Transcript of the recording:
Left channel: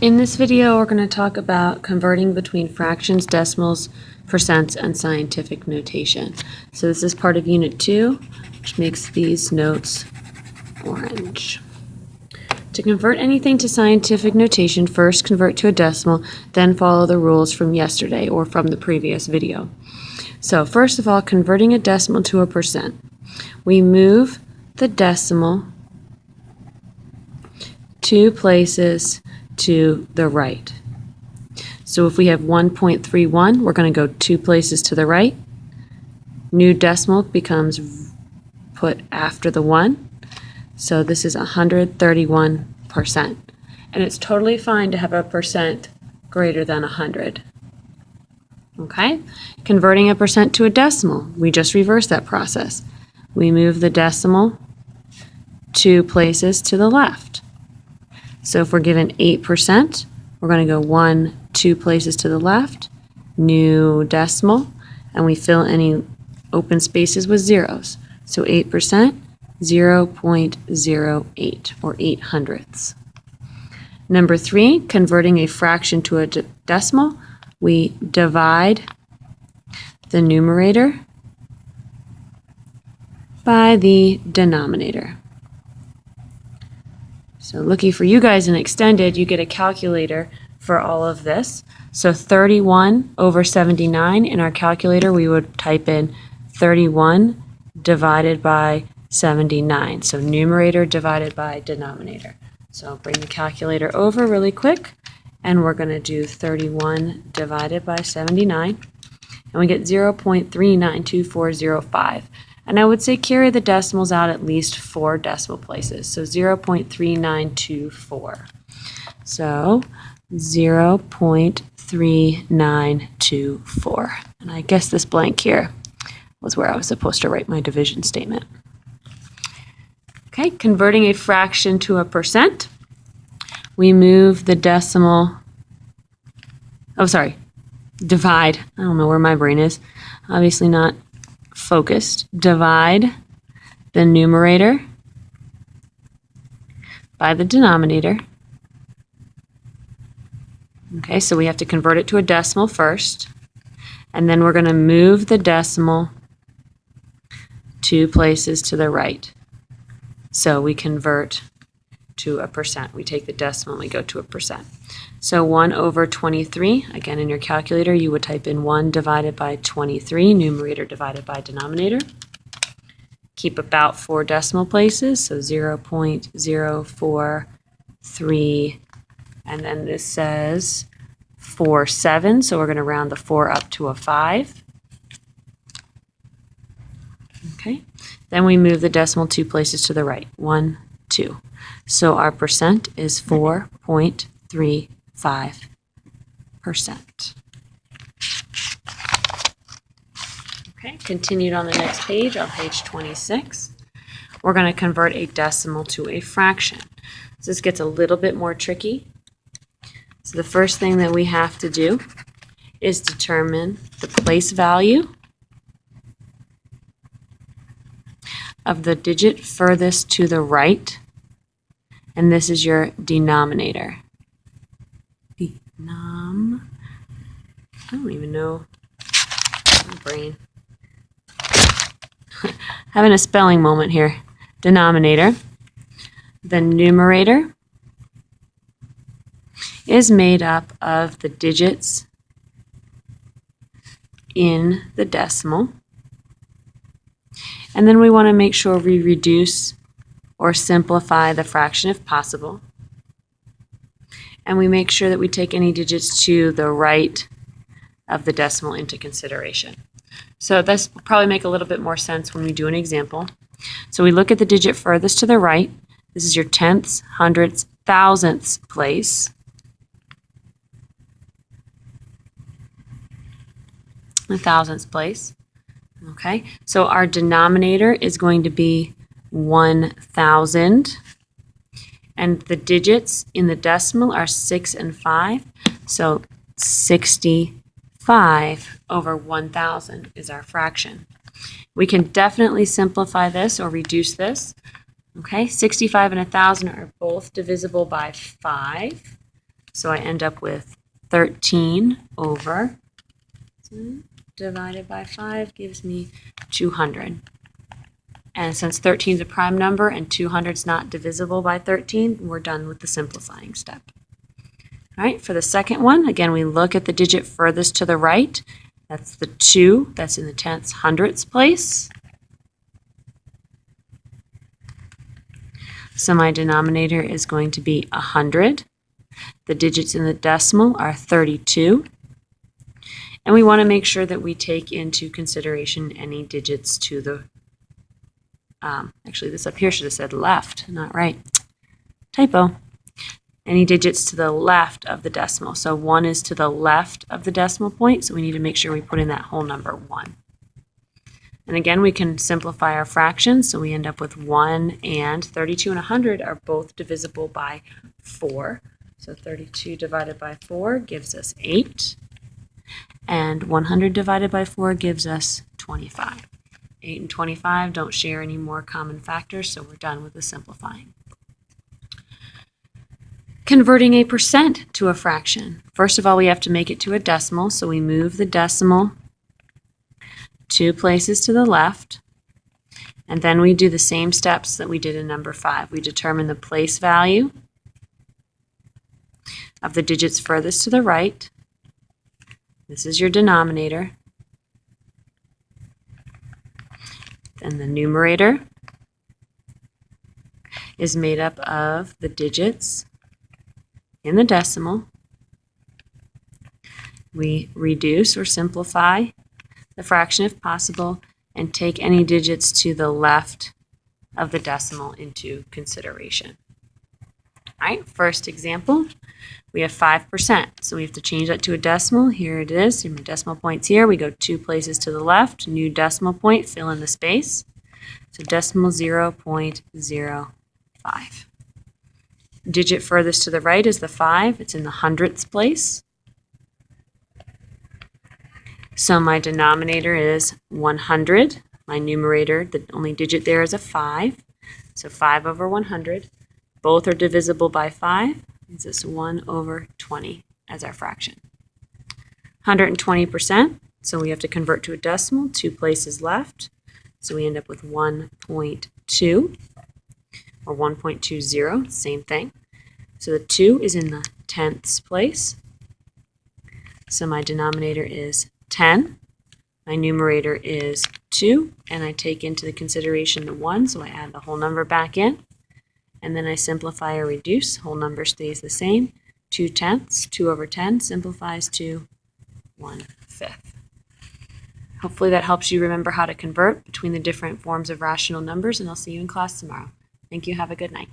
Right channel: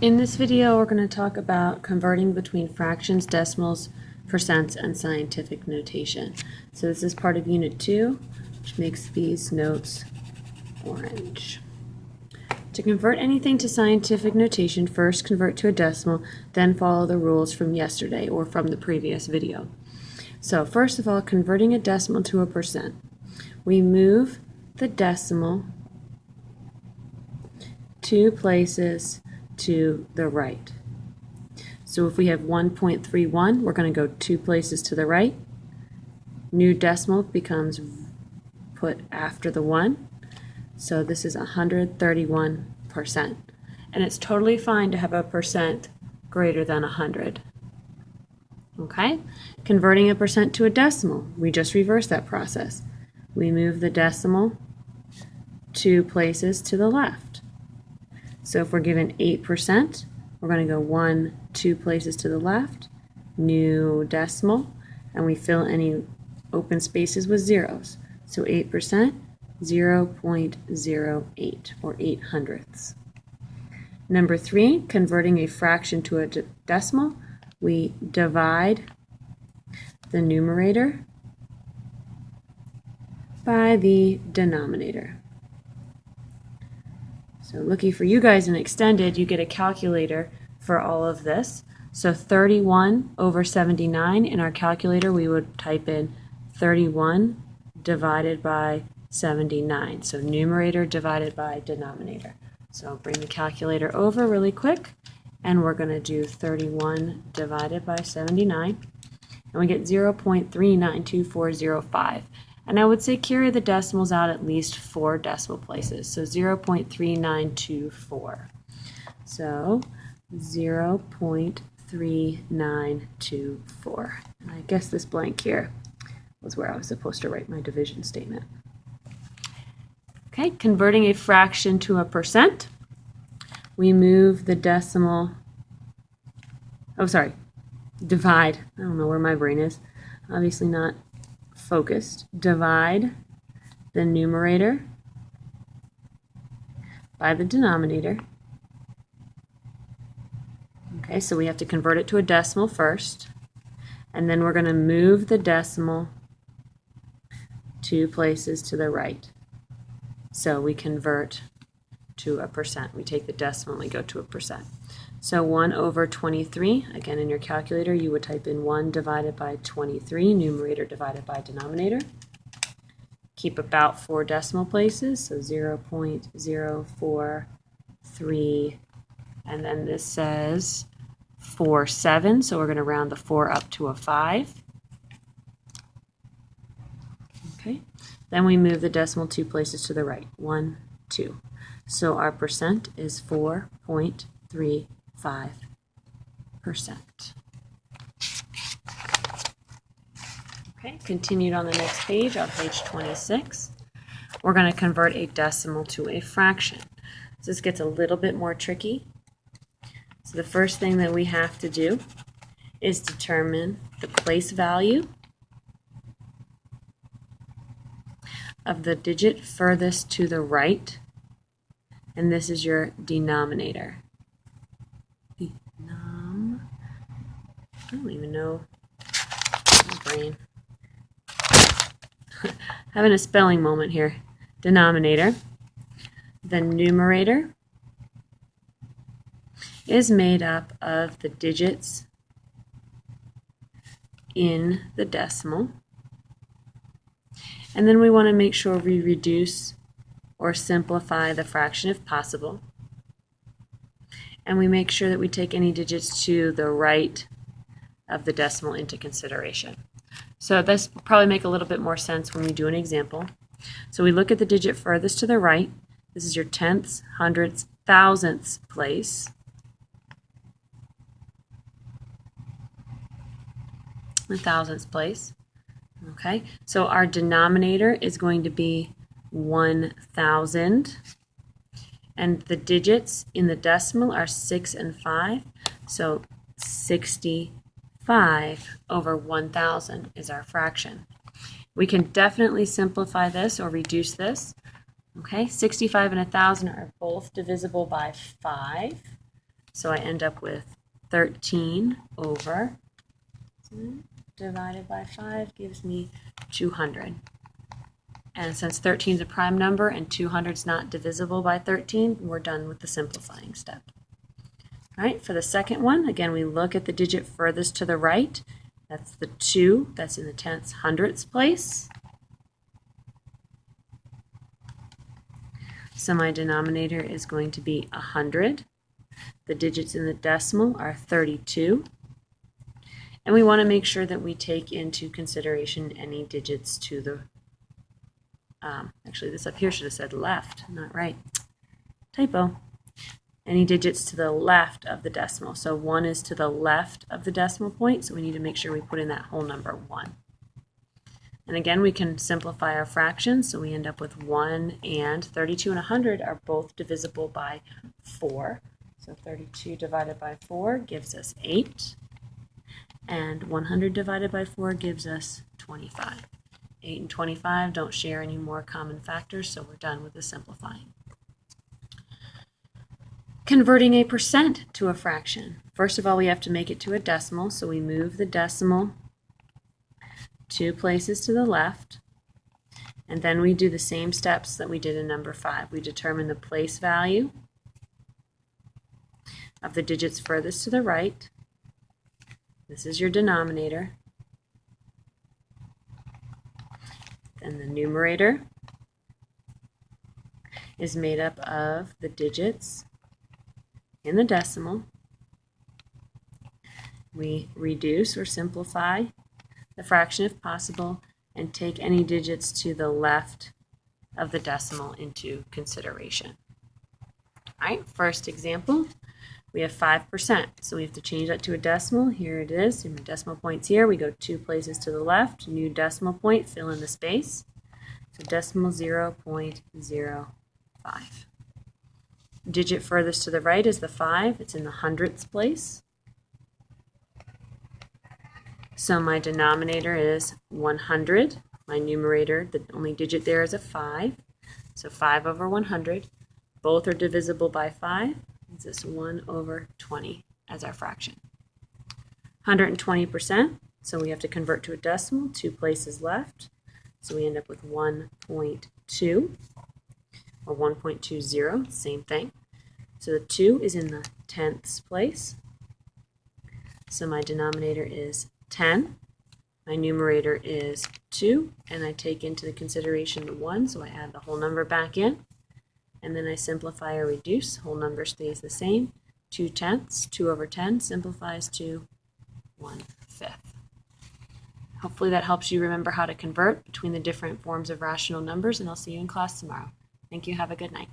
In this video, we're going to talk about converting between fractions, decimals, percents, and scientific notation. So this is part of Unit 2, which makes these notes orange. To convert anything to scientific notation, first convert to a decimal, then follow the rules from yesterday or from the previous video. So first of all, converting a decimal to a percent. We move the decimal 2 places to the right. So if we have 1.31, we're going to go 2 places to the right. New decimal becomes put after the 1. So this is 131%. And it's totally fine to have a percent greater than 100. Okay? Converting a percent to a decimal, we just reverse that process. We move the decimal 2 places to the left. So if we're given 8%, we're going to go 2 places to the left, new decimal, and we fill any open spaces with zeros. So 8%, 0.08, or 8 hundredths. Number 3, converting a fraction to a decimal, we divide the numerator by the denominator. So looking for you guys in extended, you get a calculator for all of this. So 31 over 79, in our calculator we would type in 31 divided by 79. So numerator divided by denominator. So I'll bring the calculator over really quick, and we're going to do 31 divided by 79, and we get 0.392405. And I would say carry the decimals out at least 4 decimal places. So 0.3924. So 0.3924. And I guess this blank here was where I was supposed to write my division statement. Okay, converting a fraction to a percent. We move the decimal, divide. I don't know where my brain is. Obviously not focused. Divide the numerator by the denominator. Okay, so we have to convert it to a decimal first, and then we're going to move the decimal 2 places to the right. So we convert to a percent. We take the decimal and we go to a percent. So 1 over 23, again in your calculator you would type in 1 divided by 23, numerator divided by denominator. Keep about 4 decimal places, so 0.043, and then this says 47, so we're going to round the 4 up to a 5. Okay, then we move the decimal 2 places to the right, 1, 2. So our percent is 4.35%. Okay, continued on the next page, on page 26. We're going to convert a decimal to a fraction. So this gets a little bit more tricky. So the first thing that we have to do is determine the place value of the digit furthest to the right, and this is your denominator. I don't even know. My brain. Having a spelling moment here. Denominator. The numerator is made up of the digits in the decimal. And then we want to make sure we reduce or simplify the fraction if possible. And we make sure that we take any digits to the right of the decimal into consideration. So this will probably make a little bit more sense when we do an example. So we look at the digit furthest to the right. This is your tenths, hundredths, thousandths place. The thousandths place. Okay, so our denominator is going to be 1,000, and the digits in the decimal are 6 and 5, so 65 over 1,000 is our fraction. We can definitely simplify this or reduce this. Okay, 65 and 1,000 are both divisible by 5. So I end up with 13 over divided by 5 gives me 200. And since 13 is a prime number and 200 is not divisible by 13, we're done with the simplifying step. All right, for the second one, again, we look at the digit furthest to the right. That's the 2, that's in the tenths hundredths place. So my denominator is going to be 100. The digits in the decimal are 32. And we want to make sure that we take into consideration any digits to the, actually this up here should have said left, not right. Typo. Any digits to the left of the decimal. So 1 is to the left of the decimal point, so we need to make sure we put in that whole number 1. And again, we can simplify our fractions, so we end up with 1 and 32 and 100 are both divisible by 4. So 32 divided by 4 gives us 8. And 100 divided by 4 gives us 25. 8 and 25 don't share any more common factors, so we're done with the simplifying. Converting a percent to a fraction. First of all, we have to make it to a decimal, so we move the decimal 2 places to the left, and then we do the same steps that we did in number 5. We determine the place value of the digits furthest to the right. This is your denominator. Then the numerator is made up of the digits in the decimal. We reduce or simplify the fraction if possible and take any digits to the left of the decimal into consideration. All right, first example, we have 5%. So we have to change that to a decimal. Here it is. My decimal point's here. We go 2 places to the left. New decimal point, fill in the space. So decimal 0.05. Digit furthest to the right is the 5. It's in the hundredths place. So my denominator is 100. My numerator, the only digit there is a 5. So 5 over 100. Both are divisible by 5. It's this 1 over 20 as our fraction. 120%. So we have to convert to a decimal. 2 places left. So we end up with 1.2 or 1.20. Same thing. So the 2 is in the tenths place. So my denominator is 10. My numerator is 2, and I take into the consideration the 1, so I add the whole number back in. And then I simplify or reduce. Whole number stays the same. 2 tenths, 2 over 10 simplifies to 1/5. Hopefully that helps you remember how to convert between the different forms of rational numbers, and I'll see you in class tomorrow. Thank you. Have a good night.